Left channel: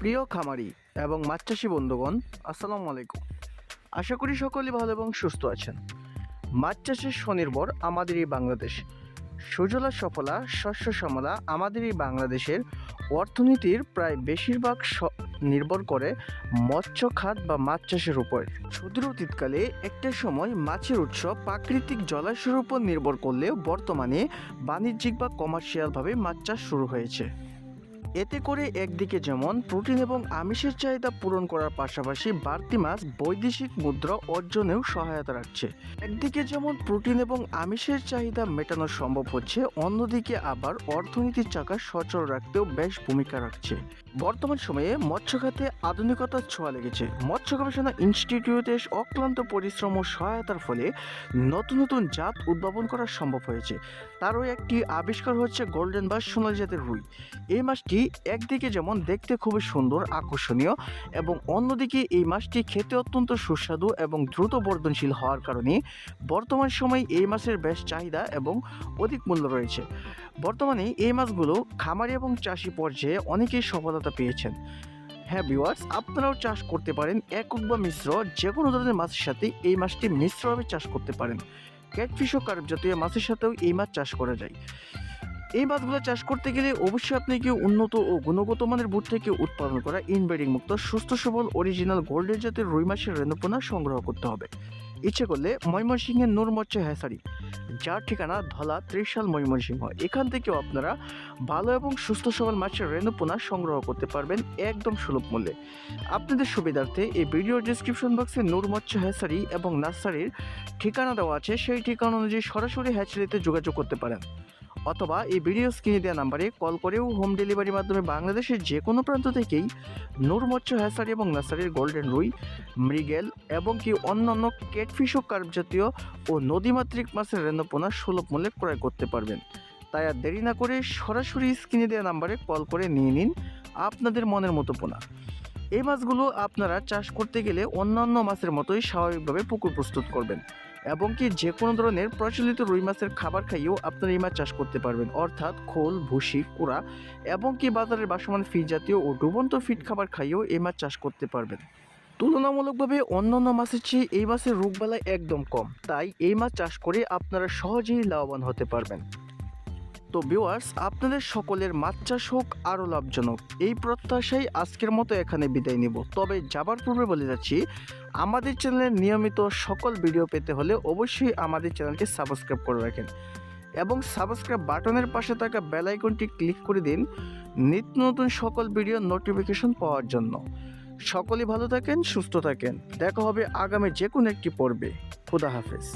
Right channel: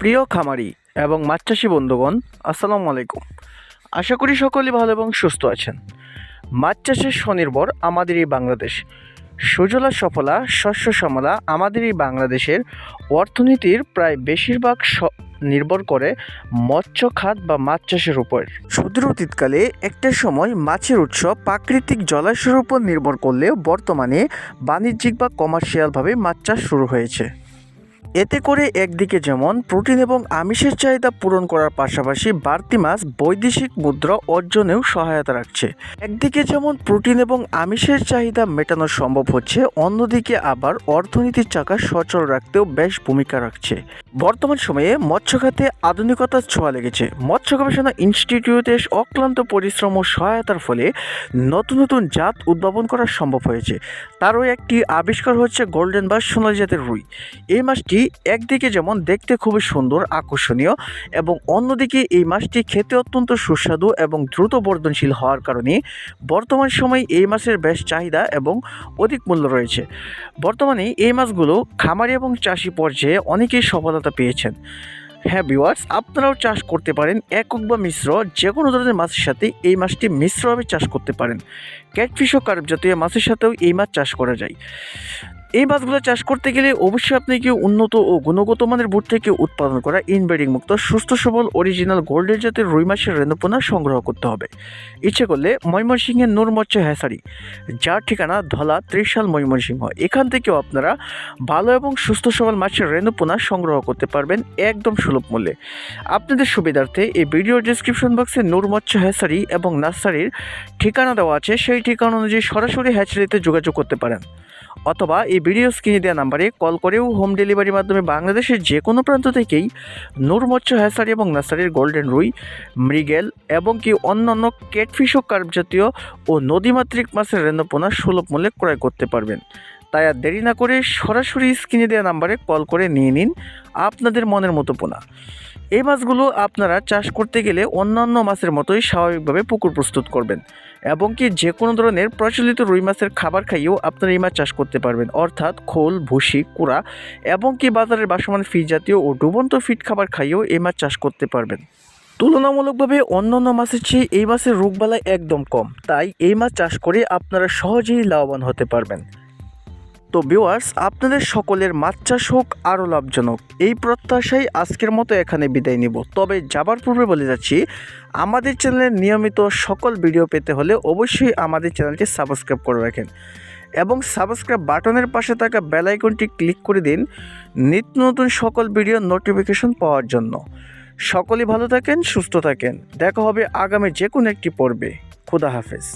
প্রিয় খামারি এবং মাছ চাষি বন্ধুগণ, আসসালামু আলাইকুম। আশা করি সকলেই ভালো এবং সুস্থ আছেন। মাছ চাষের স্বনির্ভর আমাদের এই বাংলাদেশ। সুজলা সফলা, শস্য সমলা আমাদের এই বাংলাদেশের অর্থনীতির প্রায় বেশিরভাগ নির্ভর করে মৎস্য খাত বা মাছ চাষের উপর। সুদূর অতীতকালে একটা সময় মাছের উৎস প্রাকৃতিক জলাশয়ের উপর নির্ভর করলেও বর্তমানে বাণিজ্যিক বা কমার্শিয়ালভাবে মাছ চাষ শুরু হয়েছে। এতে করে একদিকে যেমন প্রোটিন এবং আমিষের চাহিদা পূরণ করার পাশাপাশি বাড়তি মাছ বৈদেশিক মুদ্রা অর্জনেও সহায়তা রাখছে। একদিকে যেমন প্রোটিন এবং আমিষের চাহিদা মেটানো সম্ভব হচ্ছে, অন্যদিকে আবার অর্থনীতির চাকা সচল রাখতেও বেশ ভূমিকা রাখছে। বর্তমান সময়ে মৎস্য খাতে আধুনিকতার ছোঁয়া লেগেছে। মৎস্য গবেষণা ইনস্টিটিউটের অক্লান্ত পরিশ্রম ও সহায়তার ফলে নতুন নতুন জাত উদ্ভাবন করা সম্ভব হয়েছে। তারও একটি আবিষ্কার হচ্ছে গোল্ডেন বা সোনালী জাতের রুই। এই মাছটি একদিকে যেমন দেখতে খুবই সুন্দর, আকর্ষণীয় এবং অন্যদিকে এই মাছটি খেতে অত্যন্ত সুস্বাদু এবং দ্রুত বর্ধনশীল হওয়ার কারণে বর্তমান সময়ে এই মাছের বেশ চাহিদা এবং অধিক মূল্য রয়েছে। বর্তমানে এই মাছগুলো খামারি এবং চাষি পর্যায়ে অনেকেই সফলতা পেয়েছেন। হ্যাঁ ভিউয়ার্স, আপনারাও চাষ করতে পারেন, একক বা মিশ্র যে কোনো ধরনের মাছের সাথে এই মাছটি মিশ্রভাবে চাষ করতে পারেন। ক্যাটফিশ ও কার্প জাতীয় মাছের সাথেও এই মাছ চাষ করা যায়। এই মাছগুলো চাষ করতে গেলে অবশ্যই আপনাকে উন্নত ও গুণগত মানের বুট থেকে উৎপাদন করা ইনব্রিডিং মুক্ত, সুস্থ, সবল অরিজিনাল গোল্ডের জাতের রুই মাছের রেণুপোনা সংগ্রহ করতে হবে। ইচ্ছে করলে ময়মনসিংহের নূর মৎস্য হ্যাসারি, যার ঠিকানা ধলা ত্রিশাল ময়মনসিংহ, এখান থেকেও আপনারা ভালো এবং সুস্থ, সবল মাছের রেণুপোনা সংগ্রহ করতে পারবেন একদম সুলভ মূল্যে। আপনাদের সুবিধার্থে এই ভিডিও ডিসক্রিপশন বক্সে নূর মৎস্য হ্যাসারি এবং নার্সারির ঠিকানা দেওয়া আছে, সেই ঠিকানা অনুযায়ী সরাসরি হ্যাচারিতে যোগাযোগ করতে পারেন। অথবা এই ভিডিও স্ক্রিনে দেওয়া নাম্বারে কল করেও হোম ডেলিভারির মাধ্যমে বাংলাদেশের যে কোনো প্রান্ত থেকেই নূর মৎস্য হ্যাসারি এবং নার্সারির গোল্ডেন রুই, মৃগেল এবং কি অন্যান্য ক্যাটফিশ ও কার্প জাতীয় ও নদীমাতৃক মাছের রেণুপোনা সুলভ মূল্যে ক্রয় করতে পারবেন। তাই আর দেরি না করে সরাসরি স্ক্রিনে দেওয়া নাম্বারে কল করে নিয়ে নিন আপনাদের মনের মতো পোনা। এই মাছগুলো আপনারা চাষ করতে গেলে অন্যান্য মাছের মতোই স্বাভাবিকভাবে পুকুর প্রস্তুত করবেন। এবং কি যে কোনো ধরনের প্রচলিত রুই মাছের খাবার খাইয়েও আপনারা এই মাছ চাষ করতে পারবেন। অর্থাৎ খোল, ভুসি, কুড়া এবং কি বাজারের বাসমান ফি জাতীয় ও ডুবন্ত ফিট খাবার খাইয়েও এই মাছ চাষ করতে পারবেন। তুলনামূলকভাবে অন্যান্য মাছের চেয়ে এই মাছের রোগবালাই একদম কম, তাই এই মাছ চাষ করে আপনারা সহজেই লাভবান হতে পারবেন। তো ভিউয়ার্স আপনাদের সকলের মাছ চাষ হোক আরও লাভজনক। এই প্রত্যাশায় আজকের মতো এখানে বিদায় নিব। তবে যাবার পূর্বে বলে যাচ্ছি, আমাদের চ্যানেলের নিয়মিত সকল ভিডিও পেতে হলে অবশ্যই আমাদের চ্যানেলটি সাবস্ক্রাইব করে রাখেন এবং সাবস্ক্রাইব বাটনের পাশে থাকা বেল আইকনটি ক্লিক করে দিন নিত্য নতুন সকল ভিডিও নোটিফিকেশন পাওয়ার জন্য। সকলেই ভালো থাকেন, সুস্থ থাকেন। দেখা হবে আগামী যে কোনো একটি পর্বে। খুদা হাফেজ।